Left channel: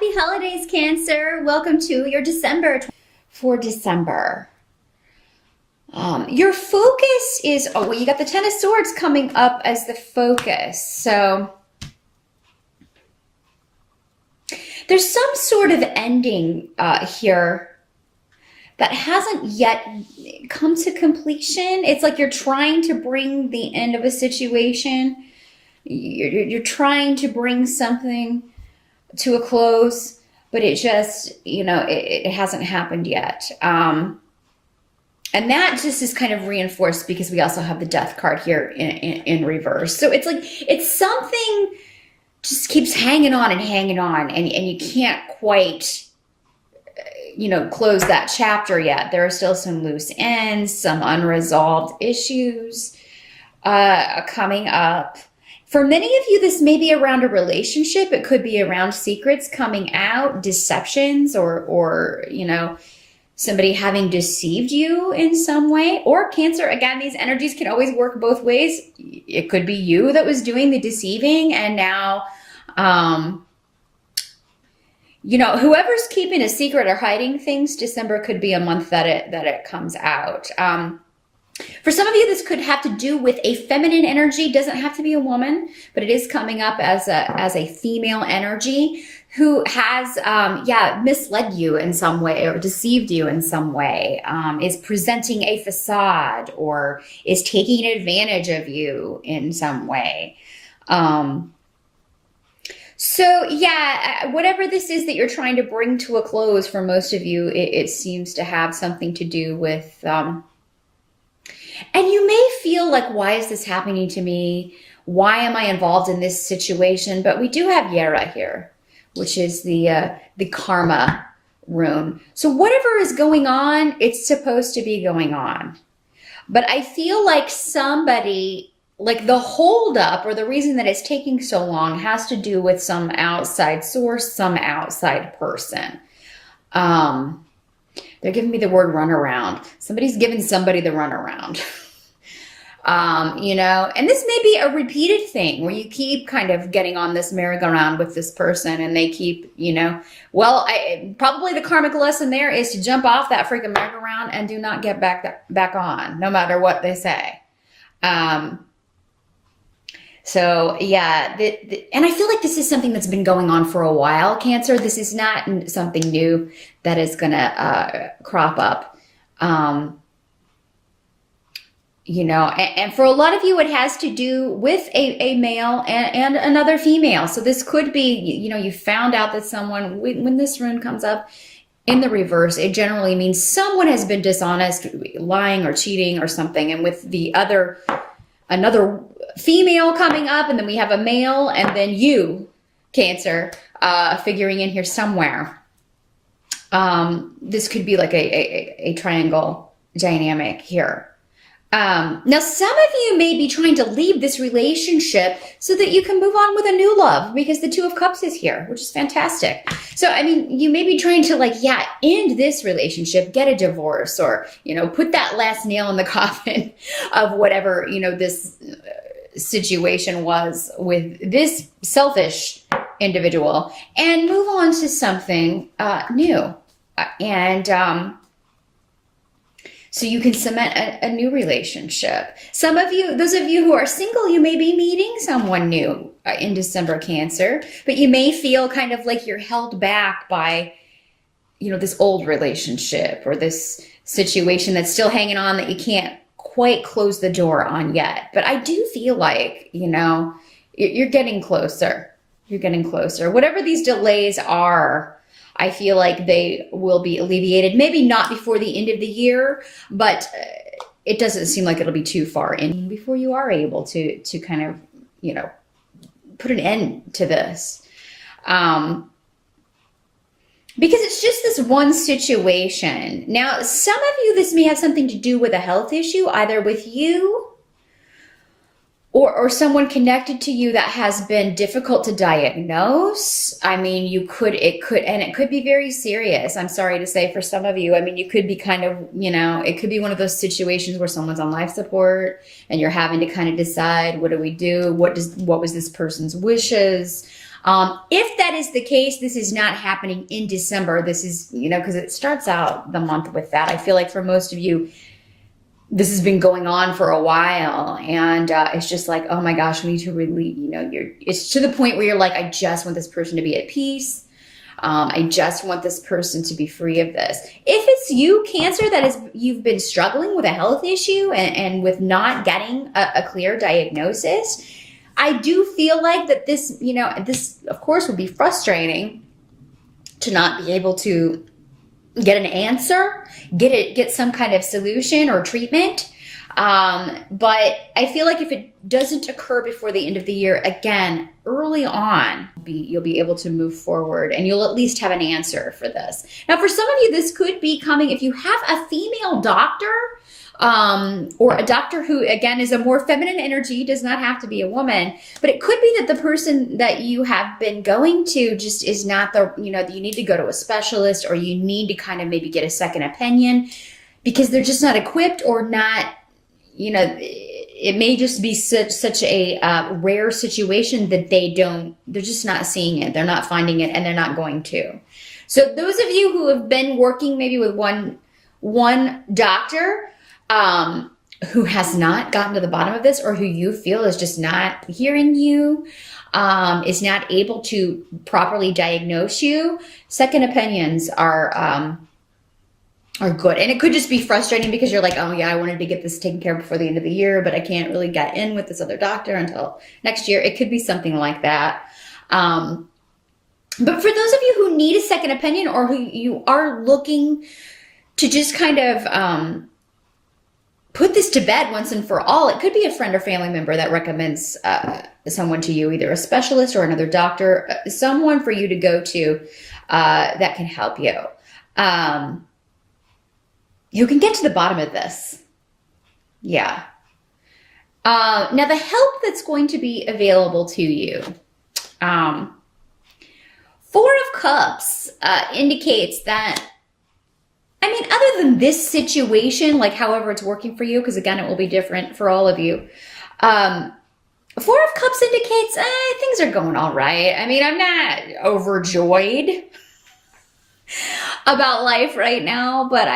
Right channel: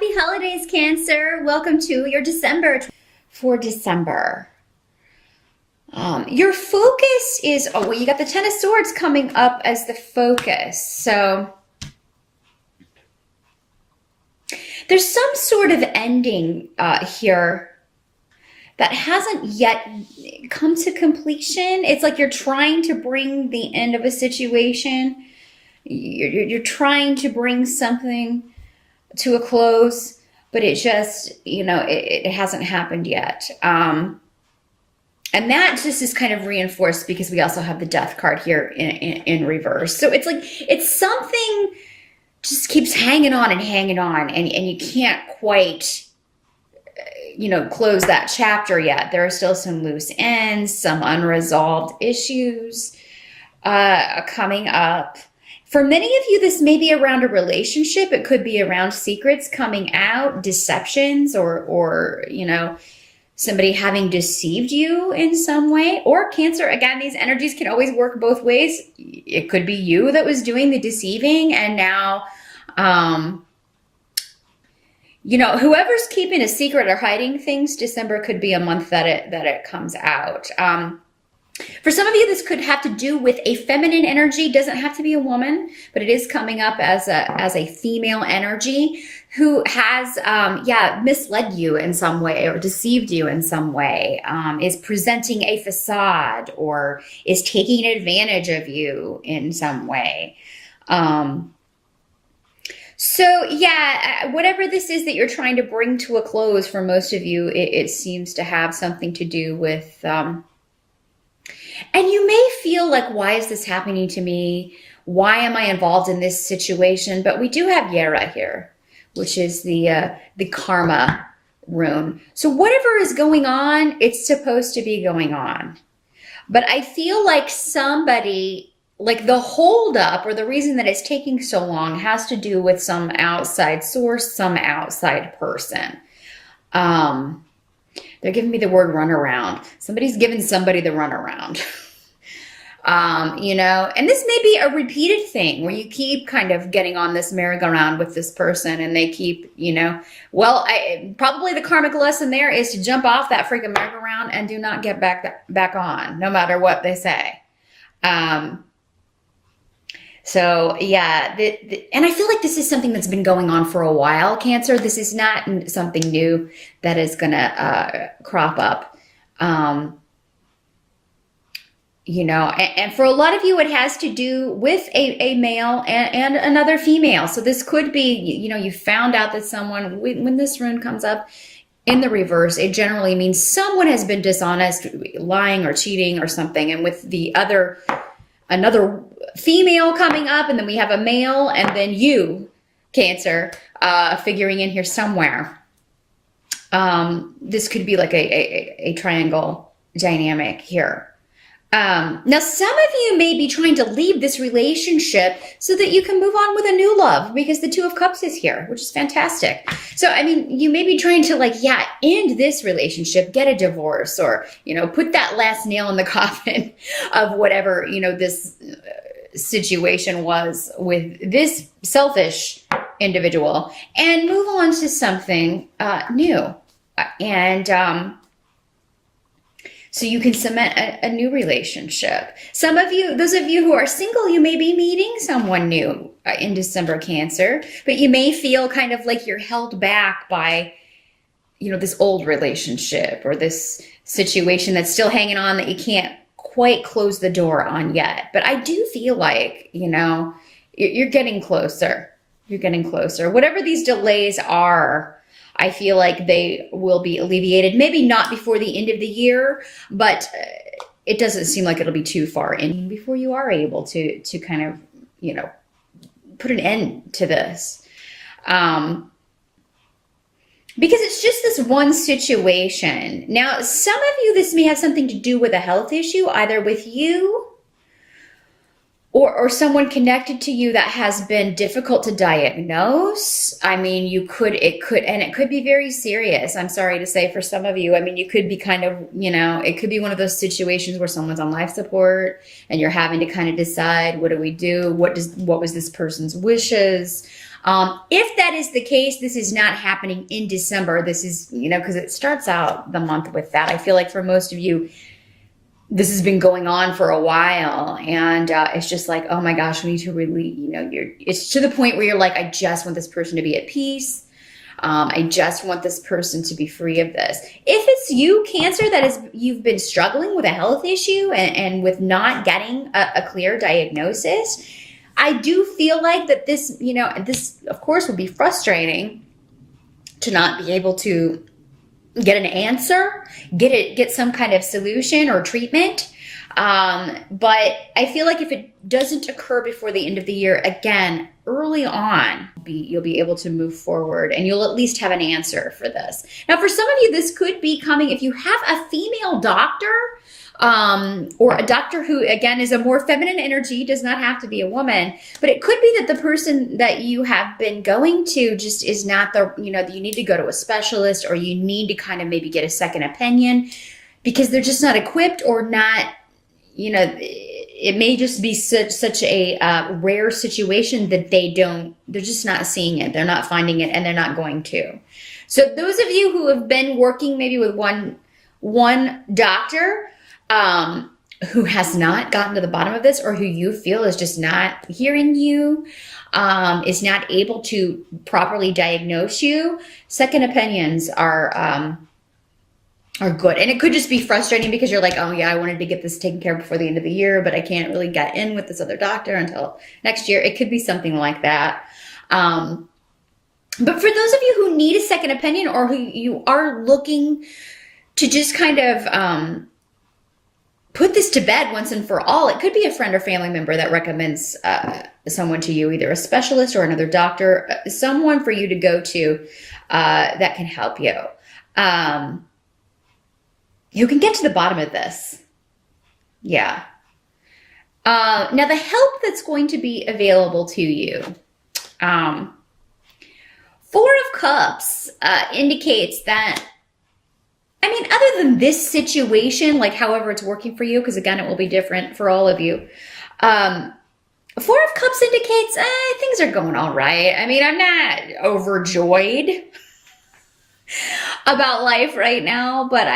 Happy holidays, Cancer. Welcome to your December. For December, your focus is, oh, well, you got the Ten of Swords coming up as the focus. So there's some sort of ending here that hasn't yet come to completion. It's like you're trying to bring the end of a situation. You're trying to bring something to a close, but it just, it hasn't happened yet. And that just is kind of reinforced because we also have the Death card here in reverse. So it's like, it's something just keeps hanging on, and you can't quite, close that chapter yet. There are still some loose ends, some unresolved issues coming up. For many of you, this may be around a relationship. It could be around secrets coming out, deceptions, or somebody having deceived you in some way. Or Cancer, again, these energies can always work both ways. It could be you that was doing the deceiving, and now, whoever's keeping a secret or hiding things, December could be a month that it comes out. For some of you, this could have to do with a feminine energy. Doesn't have to be a woman, but it is coming up as a female energy who has, misled you in some way or deceived you in some way, is presenting a facade or is taking advantage of you in some way. So whatever this is that you're trying to bring to a close, for most of you, it seems to have something to do with, and you may feel like, why is this happening to me? Why am I involved in this situation? But we do have Yara here, which is the karma rune. So whatever is going on, it's supposed to be going on. But I feel like somebody, like the holdup or the reason that it's taking so long has to do with some outside source, some outside person. They're giving me the word runaround. Somebody's giving somebody the runaround. And this may be a repeated thing where you keep kind of getting on this merry-go-round with this person and they keep, probably the karmic lesson there is to jump off that freaking merry-go-round and do not get back on, no matter what they say. And I feel like this is something that's been going on for a while, Cancer. This is not something new that is going to crop up. And for a lot of you, it has to do with a male and another female. So this could be, you found out that someone, when this rune comes up in the reverse, it generally means someone has been dishonest, lying or cheating or something. And with another female coming up, and then we have a male, and then you, Cancer, figuring in here somewhere. This could be like a triangle dynamic here. Now, some of you may be trying to leave this relationship so that you can move on with a new love, because the Two of Cups is here, which is fantastic. So, you may be trying to end this relationship, get a divorce, or, put that last nail in the coffin of whatever, this situation was with this selfish individual, and move on to something new. And so you can cement a new relationship. Some of you, those of you who are single, you may be meeting someone new in December, Cancer, but you may feel kind of like you're held back by, this old relationship or this situation that's still hanging on that you can't quite close the door on yet. But I do feel like, you're getting closer. You're getting closer. Whatever these delays are, I feel like they will be alleviated. Maybe not before the end of the year, but it doesn't seem like it'll be too far in before you are able to kind of, put an end to this. Because it's just this one situation. Now, some of you, this may have something to do with a health issue, either with you or someone connected to you that has been difficult to diagnose. It could be very serious. I'm sorry to say, for some of you, you could be kind of, it could be one of those situations where someone's on life support and you're having to kind of decide, what do we do? What was this person's wishes? If that is the case, this is not happening in December. This is, because it starts out the month with that. I feel like for most of you, this has been going on for a while, and it's just like, oh my gosh, we need to really, it's to the point where you're like, I just want this person to be at peace. I just want this person to be free of this. If it's you, Cancer, you've been struggling with a health issue and with not getting a clear diagnosis, I do feel like that this, this of course would be frustrating to not be able to get an answer, get some kind of solution or treatment. But I feel like if it doesn't occur before the end of the year, again, early on, you'll be able to move forward and you'll at least have an answer for this. Now, for some of you, this could be coming if you have a female doctor, or a doctor who, again, is a more feminine energy, does not have to be a woman, but it could be that the person that you have been going to just is not you need to go to a specialist, or you need to kind of maybe get a second opinion because they're just not equipped, or not, it may just be such a rare situation that they're just not seeing it. They're not finding it, and they're not going to. So those of you who have been working maybe with one doctor, who has not gotten to the bottom of this, or who you feel is just not hearing you, is not able to properly diagnose you, second opinions are good. And it could just be frustrating because you're like, oh yeah, I wanted to get this taken care of before the end of the year, but I can't really get in with this other doctor until next year. It could be something like that. But for those of you who need a second opinion, or who you are looking to just kind of put this to bed once and for all, it could be a friend or family member that recommends someone to you, either a specialist or another doctor, someone for you to go to that can help you. You can get to the bottom of this. Yeah. Now, the help that's going to be available to you. Four of Cups indicates that, other than this situation, like however it's working for you, because again, it will be different for all of you. Four of Cups indicates things are going all right. I'm not overjoyed about life right now, but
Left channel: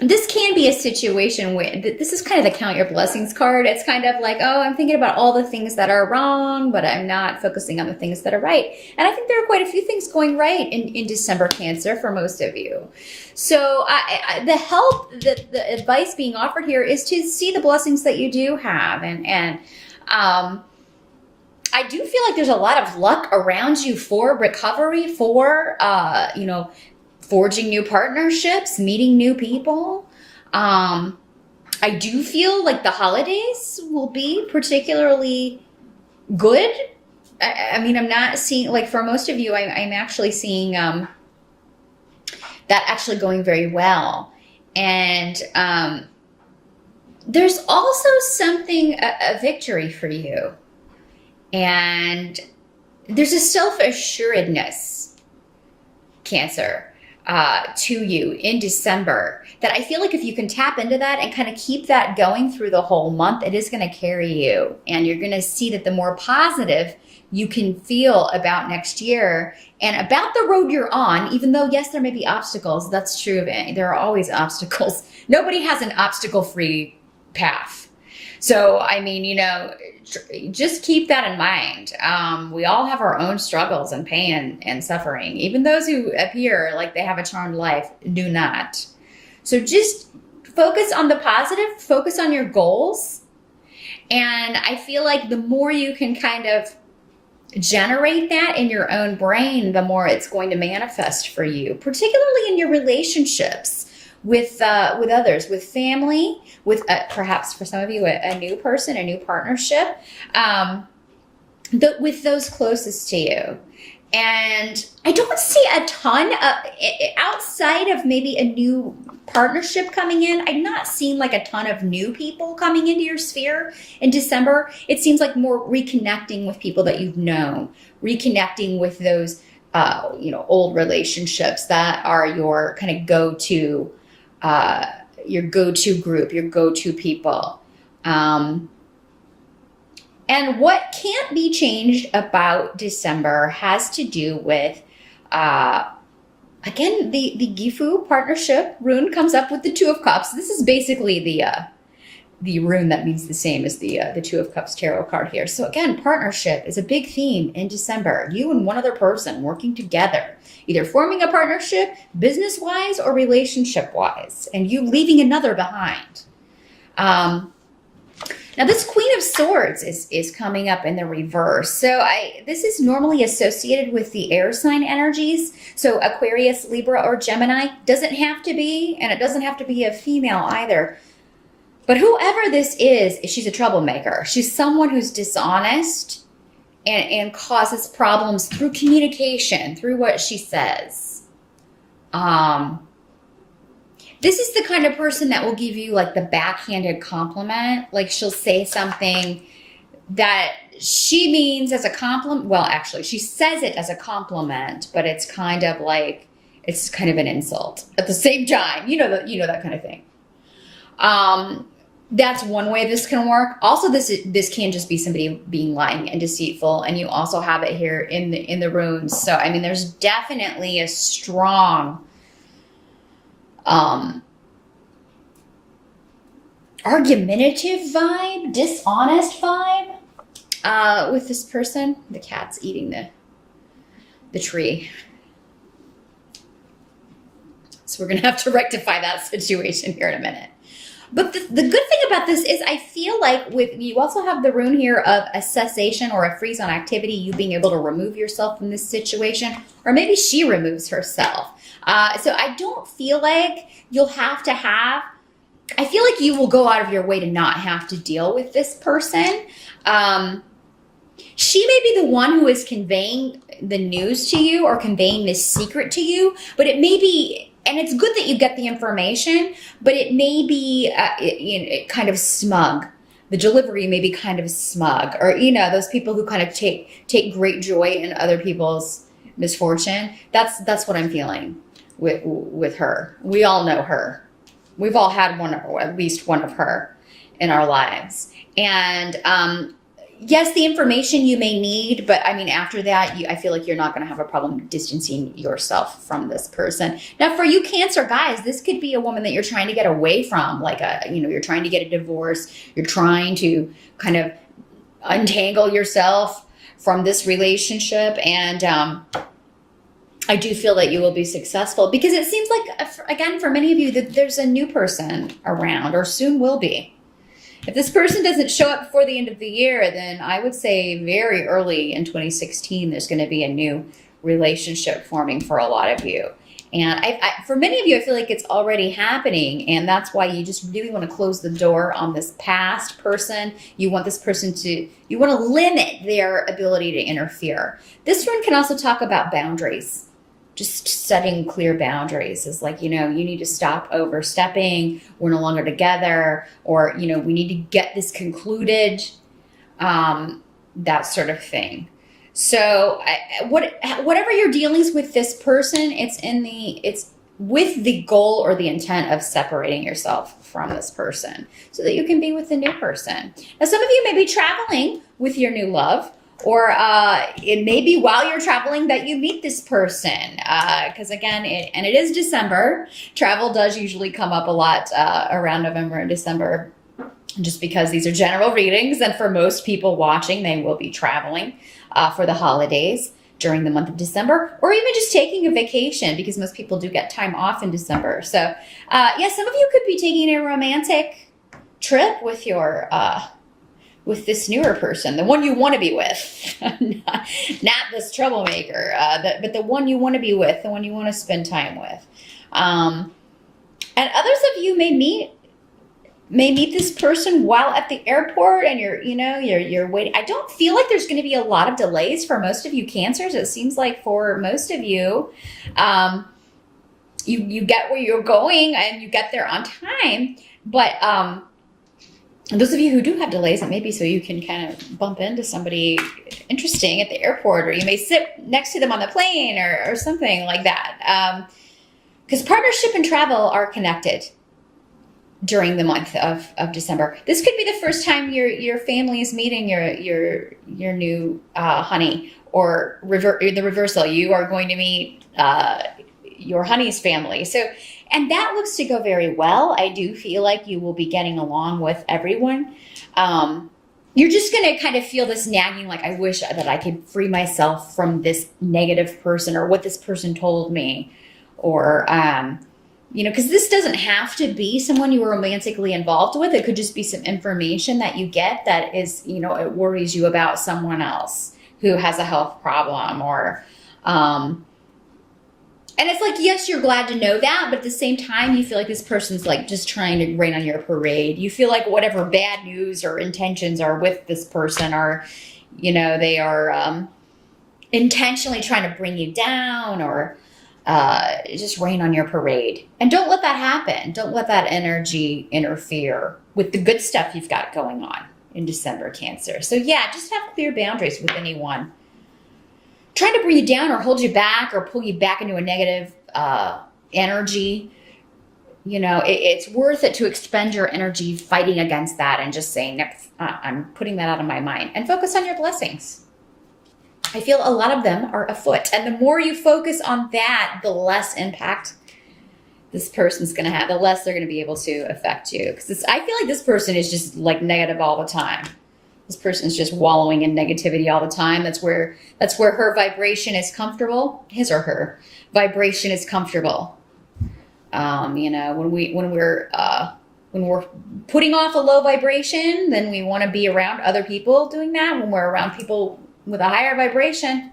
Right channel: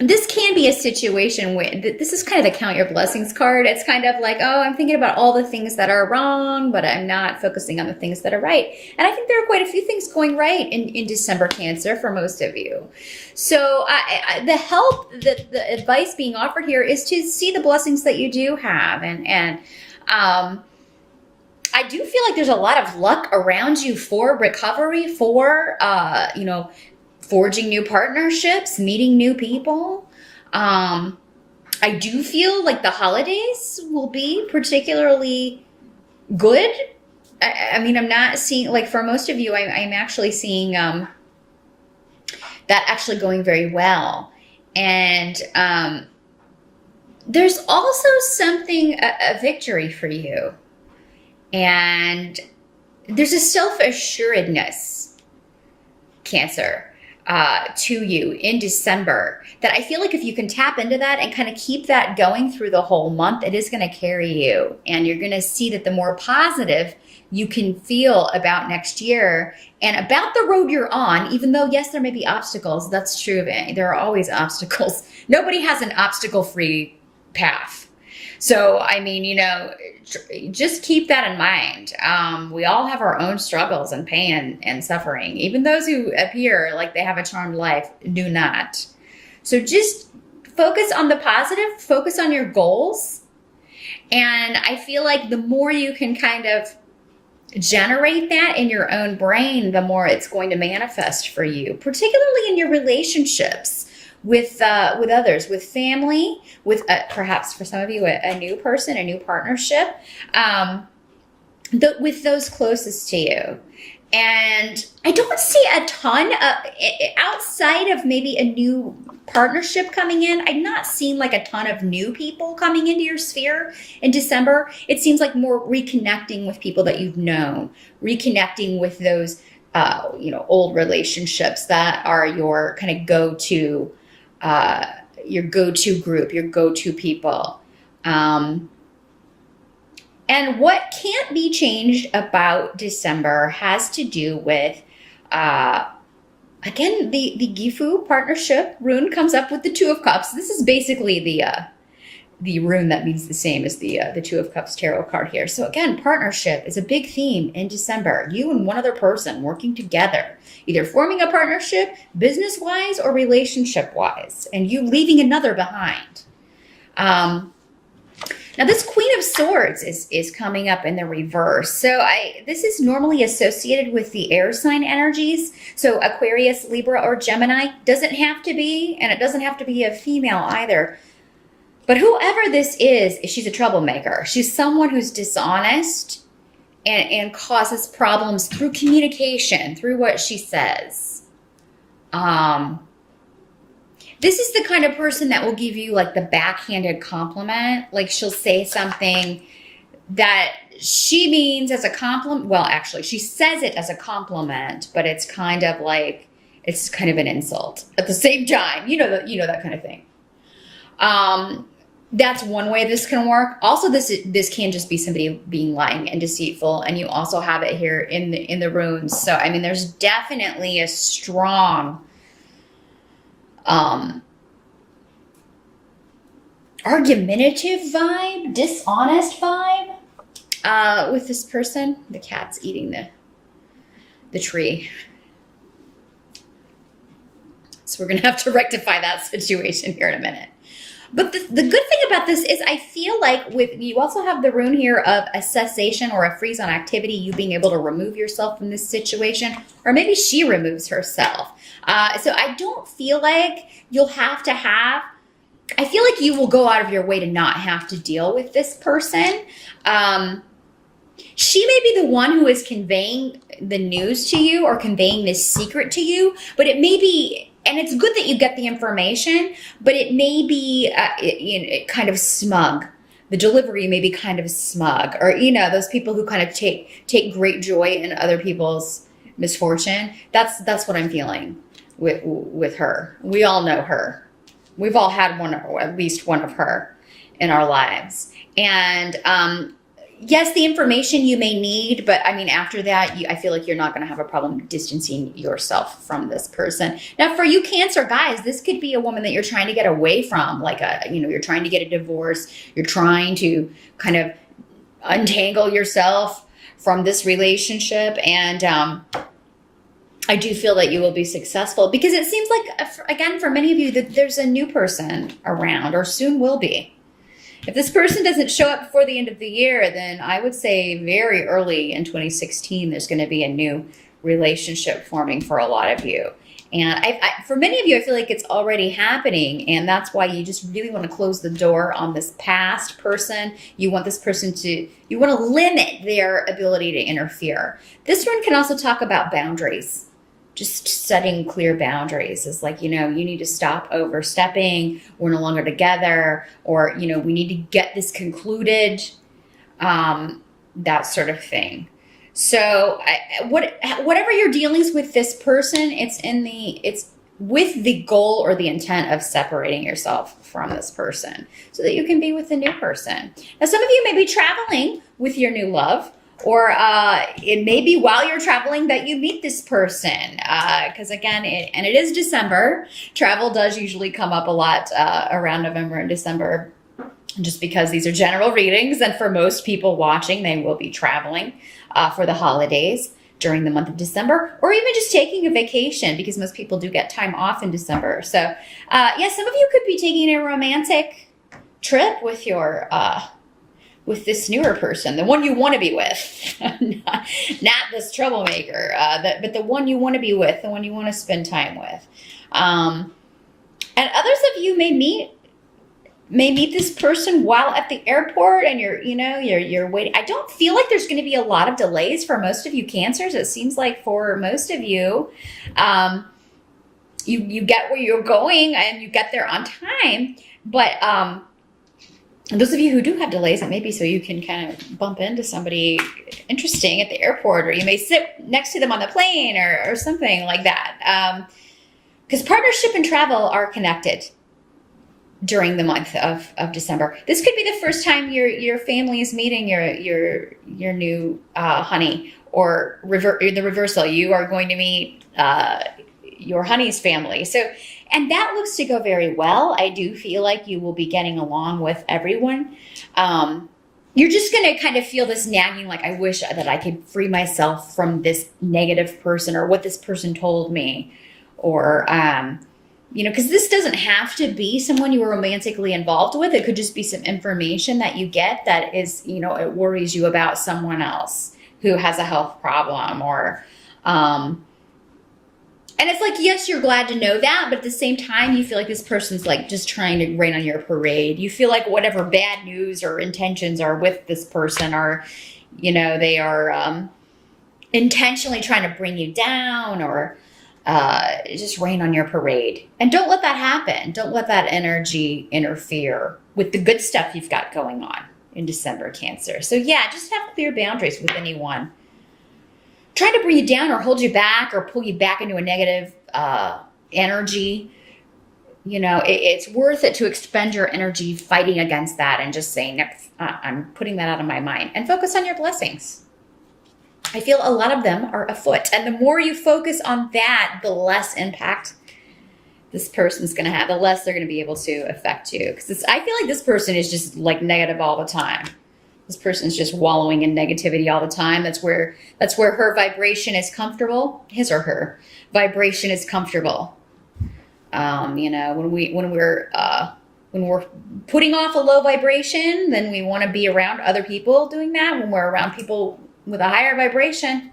this can be a situation where this is kind of the Count Your Blessings card. It's kind of like, oh, I'm thinking about all the things that are wrong, but I'm not focusing on the things that are right. And I think there are quite a few things going right in December, Cancer, for most of you. So the help, the advice being offered here is to see the blessings that you do have. And I do feel like there's a lot of luck around you for recovery, for, forging new partnerships, meeting new people. I do feel like the holidays will be particularly good. I'm not seeing, like for most of you, I'm actually seeing that actually going very well. And there's also something, a victory for you. And there's a self-assuredness, Cancer, to you in December, that I feel like if you can tap into that and kind of keep that going through the whole month, it is going to carry you. And you're going to see that the more positive you can feel about next year and about the road you're on, even though, yes, there may be obstacles. That's true of it. There are always obstacles. Nobody has an obstacle-free path. So, just keep that in mind. We all have our own struggles and pain and suffering. Even those who appear like they have a charmed life do not. So just focus on the positive, focus on your goals. And I feel like the more you can kind of generate that in your own brain, the more it's going to manifest for you, particularly in your relationships with others, with family, with perhaps for some of you a new person, a new partnership, with those closest to you. And I don't see a ton of, outside of maybe a new partnership coming in, I'm not seeing like a ton of new people coming into your sphere in December. It seems like more reconnecting with people that you've known, reconnecting with those, old relationships that are your kind of go-to, your go-to group, your go-to people. And what can't be changed about December has to do with, uh, again, the Gifu partnership rune comes up with the Two of Cups. This is basically the rune that means the same as the Two of Cups tarot card here. So again, partnership is a big theme in December. You and one other person working together, either forming a partnership business-wise or relationship-wise, and you leaving another behind. Now this Queen of Swords is coming up in the reverse. So this is normally associated with the air sign energies. So Aquarius, Libra, or Gemini doesn't have to be, and it doesn't have to be a female either. But whoever this is, she's a troublemaker. She's someone who's dishonest and causes problems through communication, through what she says. This is the kind of person that will give you like the backhanded compliment. Like she'll say something that she means as a compliment. Well, actually, she says it as a compliment, but it's kind of like, it's kind of an insult at the same time. You know that kind of thing. That's one way this can work. Also, this can just be somebody being lying and deceitful, and you also have it here in the runes. So, I mean, there's definitely a strong argumentative vibe, dishonest vibe with this person. The cat's eating the tree. So we're going to have to rectify that situation here in a minute. But the good thing about this is I feel like you also have the rune here of a cessation or a freeze on activity, you being able to remove yourself from this situation, or maybe she removes herself. So I don't feel like you'll have to I feel like you will go out of your way to not have to deal with this person. She may be the one who is conveying the news to you or conveying this secret to you, but it may be, and it's good that you get the information, but it may be kind of smug. The delivery may be kind of smug, or those people who kind of take great joy in other people's misfortune. That's what I'm feeling with her. We all know her. We've all had one, or at least one of her in our lives. And yes, the information you may need, but I mean, after that, I feel like you're not going to have a problem distancing yourself from this person. Now, for you Cancer guys, this could be a woman that you're trying to get away from, like you're trying to get a divorce. You're trying to kind of untangle yourself from this relationship, and I do feel that you will be successful, because it seems like, again, for many of you, that there's a new person around, or soon will be. If this person doesn't show up before the end of the year, then I would say very early in 2016, there's going to be a new relationship forming for a lot of you. And for many of you, I feel like it's already happening. And that's why you just really want to close the door on this past person. You want this person you want to limit their ability to interfere. This one can also talk about boundaries. Just setting clear boundaries is like, you need to stop overstepping. We're no longer together, or, we need to get this concluded, that sort of thing. So whatever your dealings with this person, it's with the goal or the intent of separating yourself from this person so that you can be with the new person. Now, some of you may be traveling with your new love, or it may be while you're traveling that you meet this person. Because again, it is December. Travel does usually come up a lot around November and December, just because these are general readings. And for most people watching, they will be traveling for the holidays during the month of December, or even just taking a vacation, because most people do get time off in December. So some of you could be taking a romantic trip with your with this newer person, the one you want to be with, not this troublemaker, but the one you want to be with, the one you want to spend time with. And others of you may meet this person while at the airport, and you're waiting. I don't feel like there's going to be a lot of delays for most of you Cancers. It seems like for most of you, you get where you're going and you get there on time. But and those of you who do have delays, it may be so you can kind of bump into somebody interesting at the airport, or you may sit next to them on the plane, or something like that. Because partnership and travel are connected. during the month of December. This could be the first time your family is meeting your new honey, or the reversal. You are going to meet your honey's family. So, and that looks to go very well. I do feel like you will be getting along with everyone. You're just going to kind of feel this nagging, like, I wish that I could free myself from this negative person, or what this person told me, or, because this doesn't have to be someone you were romantically involved with. It could just be some information that you get that is, it worries you about someone else who has a health problem, or, and it's like, yes, you're glad to know that, but at the same time, you feel like this person's like just trying to rain on your parade. You feel like whatever bad news or intentions are with this person are, they are intentionally trying to bring you down, or just rain on your parade. And don't let that happen. Don't let that energy interfere with the good stuff you've got going on in December, Cancer. So yeah, just have clear boundaries with anyone trying to bring you down or hold you back or pull you back into a negative energy. It's worth it to expend your energy fighting against that and just saying, I'm putting that out of my mind, and focus on your blessings. I feel a lot of them are afoot. And the more you focus on that, the less impact this person's going to have, the less they're going to be able to affect you. Because I feel like this person is just like negative all the time. This person's just wallowing in negativity all the time. That's where her vibration is comfortable. His or her vibration is comfortable. When we're putting off a low vibration, then we want to be around other people doing that. When we're around people with a higher vibration,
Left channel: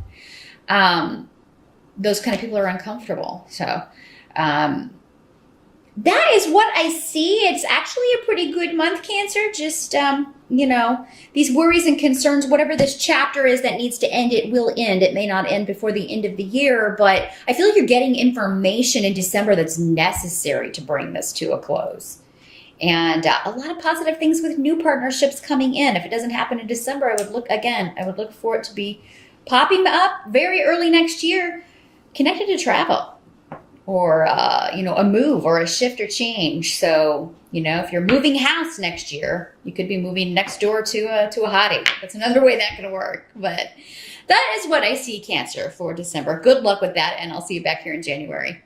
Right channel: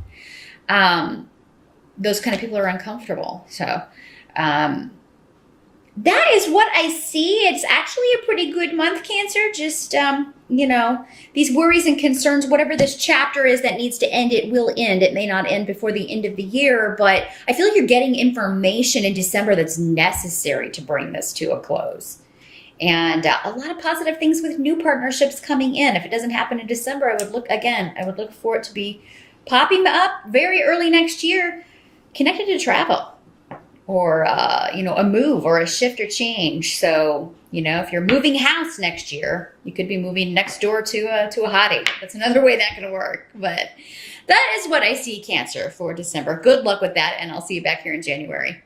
those kind of people are uncomfortable. So, that is what I see. It's actually a pretty good month, Cancer. Just, these worries and concerns, whatever this chapter is that needs to end, it will end. It may not end before the end of the year, but I feel like you're getting information in December that's necessary to bring this to a close. And a lot of positive things with new partnerships coming in. If it doesn't happen in December, I would look for it to be popping up very early next year, connected to travel, or, a move or a shift or change. So, if you're moving house next year, you could be moving next door to a hottie. That's another way that could work. But that is what I see, Cancer, for December. Good luck with that, and I'll see you back here in January.